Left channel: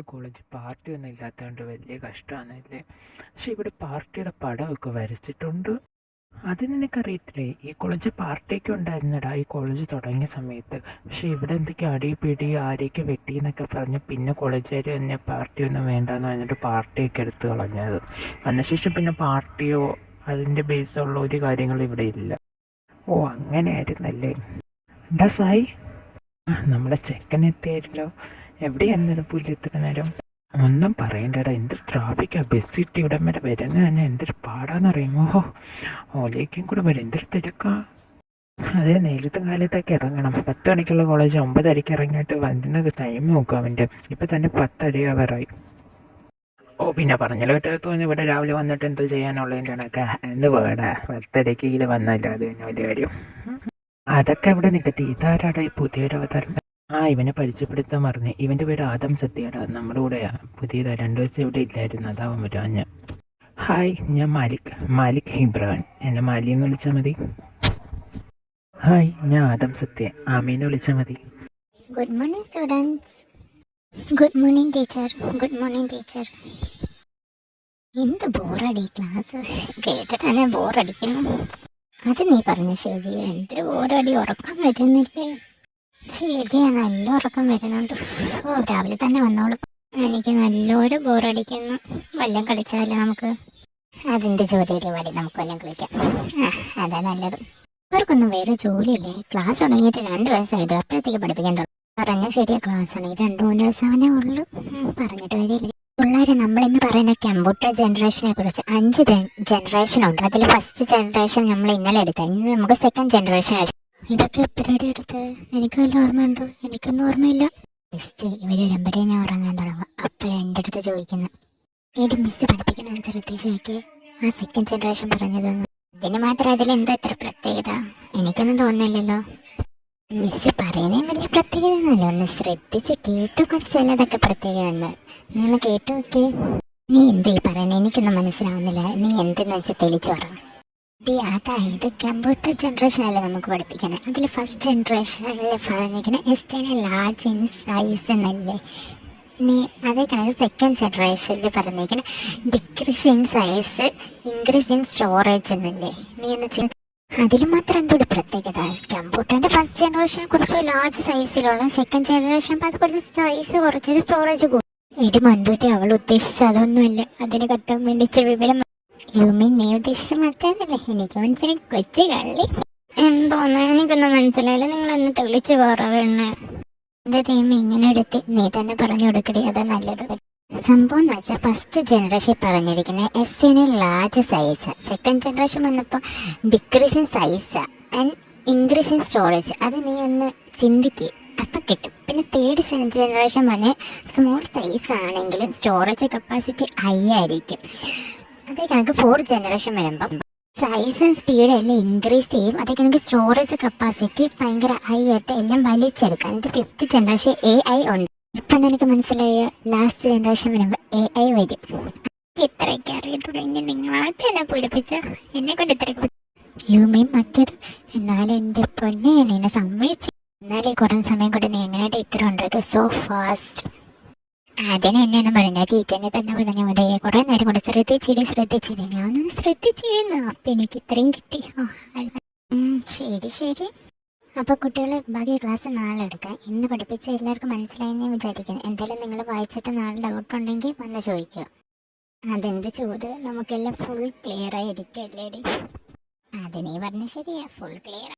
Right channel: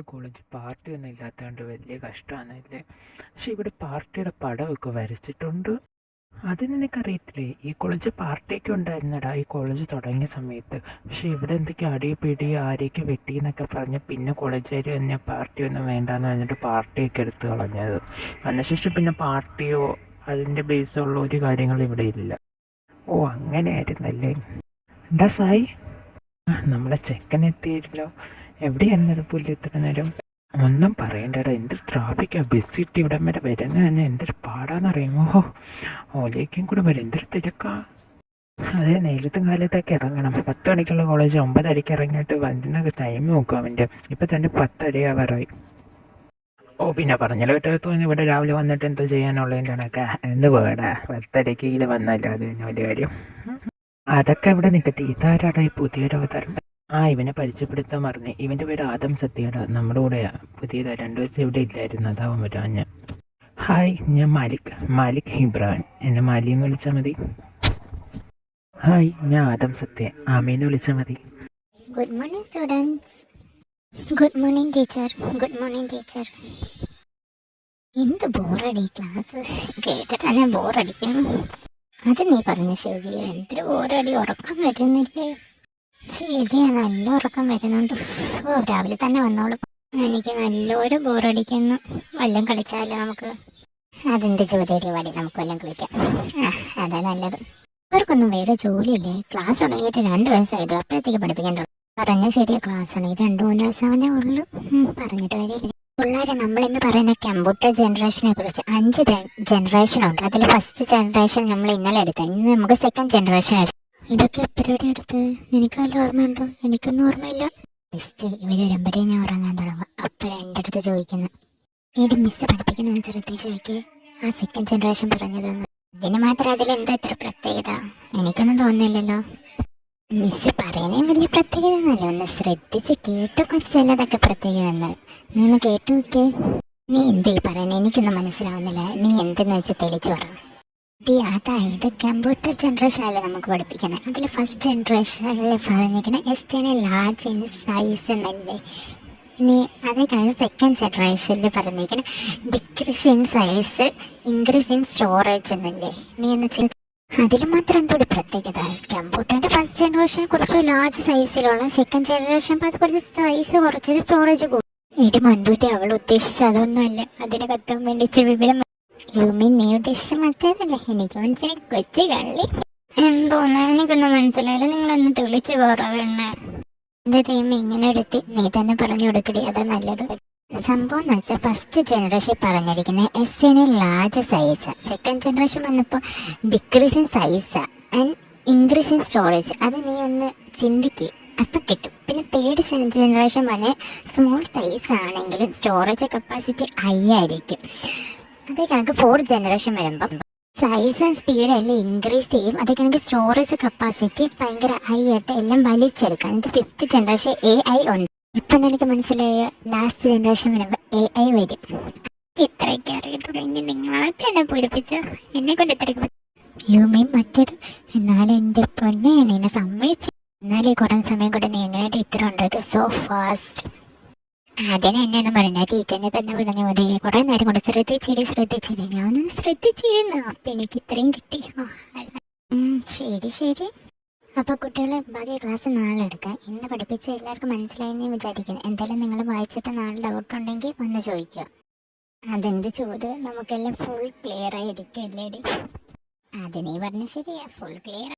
നമ്മുടെ college party ഒന്നും ഇല്ലാത്തതുകൊണ്ട് വലിയ കഷ്ടമാണല്ലേ. പക്ഷെ ഇവിടെ പാർട്ടിയുടെ പടമൊക്കെ വരച്ചിട്ടുണ്ട്. അത് നിനക്കറിയത്തില്ലേ, ഈ കോളേജ് പാർട്ടിയൊക്കെ ഉണ്ടായിരുന്നടാ ഈ കോളേജ് തുടങ്ങിയ സമയത്ത്. പക്ഷെ ഇവിടെ എന്തൊക്കെ അടി പിടി ആരെയൊക്കെ വെട്ടി എന്നൊക്കെ പറഞ്ഞ് പിന്നെ കോളേജുകാർ തന്നെ പാർട്ടിയൊന്നും വേണ്ടാന്ന് പറഞ്ഞിട്ട് പാർട്ടിയൊക്കെ എടുത്ത് കളഞ്ഞത്. അതിനുശേഷം പിന്നെ പാർട്ടിയോ അതിൻ്റെ ബേസുള്ള ഒരു കാര്യങ്ങളും ഇവിടെ ഇല്ല. ഓ അങ്ങനെയായിരുന്നല്ലേ. എന്താ സായി, നമ്മുടെ ചെക്കൻ എത്തിയല്ലോ. എവിടെയായിരുന്നത് പുല്ല് ഇത്ര നേരം? ഒന്നും പറയണ്ടടാ, എന്തൊരു ട്രാഫിക്കാ. ബസ് ഇട്ട് ഇവിടം വരെ വരുന്ന തന്നെ എന്തൊരു പാടാന്നറിയുമോ. ഓലേക്കും കൂടെ വരും, എന്തൊരു തിരക്കാ. അതേ നേരത്തും കാലത്തൊക്കെ ഇറങ്ങണം. 10 മണിക്കുള്ള കോളേജ് 9:30 ഇറങ്ങിയിട്ട് വരുന്നത് ടൈം നോക്കും അവൻ്റെ. ഇപ്പം തന്നെ 10:30 ഓ പിന്നെ പറഞ്ഞല്ലോ തോന്നി ഇവിടെ രാവിലെ വന്നിട്ട് എന്തോ ചെയ്യാനുള്ളതിൻ്റെ കണക്കാ എന്ന് വേടാ. 10:30 ഇത് വന്നല്ലോ, അത് തന്നെ വലിയ കാര്യം. അതൊക്കെ ഇവിടെ നിൽക്കത്തി. ഇതാരാടാ ഈ പുതിയൊരു അവതാരം? ഇവനെ പരിചയപ്പെടുത്താൻ മറന്നേ. ഇവൻ്റെ പേര് ആദം സത്യടാ, നമ്മുടെ കൂടെയാ പുതിയതാ. 2 ദിവസം ഇവിടെ ഇല്ലായിരുന്നു, അതാവും വരാഞ്ഞ. ഹായ്, ഞാൻ മാലിക് ഹിബ്രാൻ. എന്നെ മാലി എന്ന് വിളിച്ചാൽ മതി. ഹായ്, ഞാൻ ആദം സത്യ. ആമീന്ന് വിളിച്ചാൽ മതി. Good morning students. Good morning teacher. Good morning teacher. എന്ത് ബോറടി ക്ലാസ് കേട്ടിട്ട് തന്നെ ബോറടിക്കുന്നു. അത് നീ പറഞ്ഞ ശരി, എന്തൊരു ബോറടി. ഉറക്കം വരുന്നില്ലേ? ശരിയാ, നല്ല ഉറക്കം വരുന്നുണ്ട്. ഓ രാവിലെ തന്നെ വന്നോളൂ. എനിക്ക് നല്ലൊരു ബോറടിക്കുന്നു. വല്ലതും കളിച്ചാലോ നമുക്ക്? അതിൻ്റെ ചോദ്യം വഴി നമുക്ക് വല്ലതും കളിക്കാം. അതാ നല്ലത്. അവർക്കൊന്നും വേറെ ജോലിയില്ലേ? ക്ലാസ് തുടങ്ങിയിട്ട് 2 ദിവസമായിട്ട് അപ്പോഴത്തേക്ക് പഠിപ്പിക്കാൻ തുടങ്ങി. പറഞ്ഞ ശരിയാ, ക്ലാസ് ആണെങ്കിൽ 2-3 ദിവസമേ ഉള്ളൂ. പറഞ്ഞിട്ട് കാര്യമില്ല. പിള്ളേരെ നമ്മളെന്ന് പറയുന്ന കമ്പ്യൂട്ടർ ജനറേഷനെ കുറിച്ച് 5 ജനറേഷൻ ഉണ്ട്. അതിൽ ഫസ്റ്റ് ജനറേഷൻ നമ്മൾ ഇന്നലെ എടുത്തത്. ഇന്ന് നമുക്ക് സെക്കൻഡ് ജനറേഷൻ എടുത്തു. ഇതൊക്കെ എപ്പോഴും എടുത്ത് എനിക്ക് വല്ല ഓർമ്മയുണ്ടോ? എനിക്കൊന്നും ഓർമ്മയില്ല. ജസ്റ്റ് ഇവർ വരുമ്പോഴേ ഞാൻ ഉറങ്ങാൻ തുടങ്ങും. അപ്പോഴും എൻ്റെ അടുത്ത് ചോദിക്കുന്നത്, എൻ്റെ മിസ്സ് പഠിപ്പിക്കുന്ന ശ്രദ്ധിച്ച് നോക്കി ആ സെക്കൻഡ് ജനറേഷൻ പറഞ്ഞതെന്ന്. ഇതിന് മാത്രം അതിലെന്താ ഇത്ര പ്രത്യേകത? എനിക്കൊന്നും തോന്നില്ലല്ലോ. മിസ്സ് പറയുന്നേ വലിയ പ്രത്യേകത ഒന്നുമല്ല. ഒന്ന് ശ്രദ്ധിച്ച് കേട്ടു ചിലതൊക്കെ പ്രത്യേകത. നീ ഒന്ന് കേട്ടു നോക്കിയേ. നീ എന്തീ പറയുന്നത്? എനിക്കൊന്നും മനസ്സിലാവുന്നില്ല. നീ എന്തെന്ന് വെച്ച് തെളിച്ചു പറ. അതായത് കമ്പ്യൂട്ടർ ജനറേഷൻ അല്ലേ നമുക്ക് പഠിപ്പിക്കുന്നത്. അതിൽ ഫസ്റ്റ് ജനറേഷനിൽ പറഞ്ഞിരിക്കുന്നത് എക്സ്റ്റേണൽ ലാർജ് ഇൻ സൈസ് എന്നല്ലേ. ഇനി അതേ കണക്ക് സെക്കൻഡ് ജനറേഷനിൽ പറഞ്ഞിരിക്കുന്നത് decrease in size increase in storage എന്നല്ലേ. നീ എന്ന് അതിൽ മാത്രം എന്തൊരു പ്രത്യേകത? കമ്പ്യൂട്ടറിൻ്റെ ഫസ്റ്റ് ജനറേഷനെ കുറച്ച് ലാർജ് സൈസിലുള്ള, സെക്കൻഡ് ജനറേഷൻ അത് കുറച്ച് സൈസ് കുറച്ചൊരു സ്റ്റോറേജ് കൂടും. എൻ്റെ മന്ദൂത്തി അവൾ ഉദ്ദേശിച്ച അതൊന്നുമല്ല. അതിന് കത്താൻ വേണ്ടി വിവരം നീ ഉദ്ദേശിച്ച മറ്റേതല്ലേ. എനിക്ക് മനസ്സിലായി. കൊച്ചി കള്ളി എന്തോന്ന് എനിക്കൊന്നും മനസ്സിലായില്ല. നിങ്ങളൊന്ന് തെളിച്ച് പറയണേ. എന്താ ടീം ഇങ്ങനെ എടുത്ത് നീ തന്നെ പറഞ്ഞു കൊടുക്കടി, അതാ നല്ലത്. സംഭവം എന്ന് വെച്ചാൽ ഫസ്റ്റ് ജനറേഷൻ പറഞ്ഞിരിക്കുന്നത് external large size, second generation വന്നപ്പോൾ decrease in size and increase in storage. അത് നീ ഒന്ന് ചിന്തിക്കുക, അപ്പം കിട്ടും. പിന്നെ തേർഡ് ജനറേഷൻ പറഞ്ഞ് സ്മോൾ സൈസ് ആണെങ്കിലും സ്റ്റോറേജ് കപ്പാസിറ്റി ഹൈ ആയിരിക്കും. അതേ കണക്ക് 4th ജനറേഷൻ വരുമ്പം സൈസ് ആൻഡ് സ്പീഡ് എല്ലാം ഇൻക്രീസ് ചെയ്യും. അതേ കണക്ക് സ്റ്റോറേജ് കപ്പാസിറ്റി ഭയങ്കര ഹൈ ആയിട്ട് എല്ലാം വലിച്ചെടുക്കാം. എന്നിട്ട് 5th ജനറേഷൻ AI ഉണ്ട്. ഇപ്പം എനിക്ക് മനസ്സിലായ ലാസ്റ്റ് ജനറേഷൻ വരുമ്പോൾ AI വരും. ഇത്രയൊക്കെ അറിയത്തുള്ളൂ. നിങ്ങളായിട്ട് എന്നെ പൂരിപ്പിച്ച എന്നെ കൊണ്ട് ഇത്രയൊക്കെ യുമീൻ മറ്റത്. എന്നാലും എൻ്റെ പൊന്നെ നിന്നെ സമ്മതിച്ചു. എന്നാലും കുറേ സമയം കൊണ്ട് നീ എങ്ങനെയായിട്ട് ഇത്ര ഉണ്ട് സോ ഫാസ്റ്റ്. അതിന് എന്നെയൊന്നും പറയണ്ട, ടീച്ചറിനെ തന്നെ പറഞ്ഞു മതി. കുറേ നേരം കൊണ്ട് ശ്രദ്ധിച്ചിരി ഞാനൊന്ന് ശ്രദ്ധിച്ചിരുന്നു. അപ്പം എനിക്ക് ഇത്രയും കിട്ടി. ശരി. അപ്പോൾ കുട്ടികളെ ബാക്കി ക്ലാസ് നാളെ എടുക്കാം. ഇന്ന് പഠിപ്പിച്ച എല്ലാവർക്കും മനസ്സിലായെന്ന് വിചാരിക്കണം. എന്തായാലും നിങ്ങൾ വായിച്ചിട്ട് നാളെ ഡൗട്ട് ഉണ്ടെങ്കിൽ വന്ന് ചോദിക്കുക. അതെന്ത് ചോദ്യം? നമുക്കെല്ലാം ഫുൾ ക്ലിയർ ആയിരിക്കും അല്ലേടി? അത് നീ പറഞ്ഞ ശരിയാ, ഫുൾ ക്ലിയർ.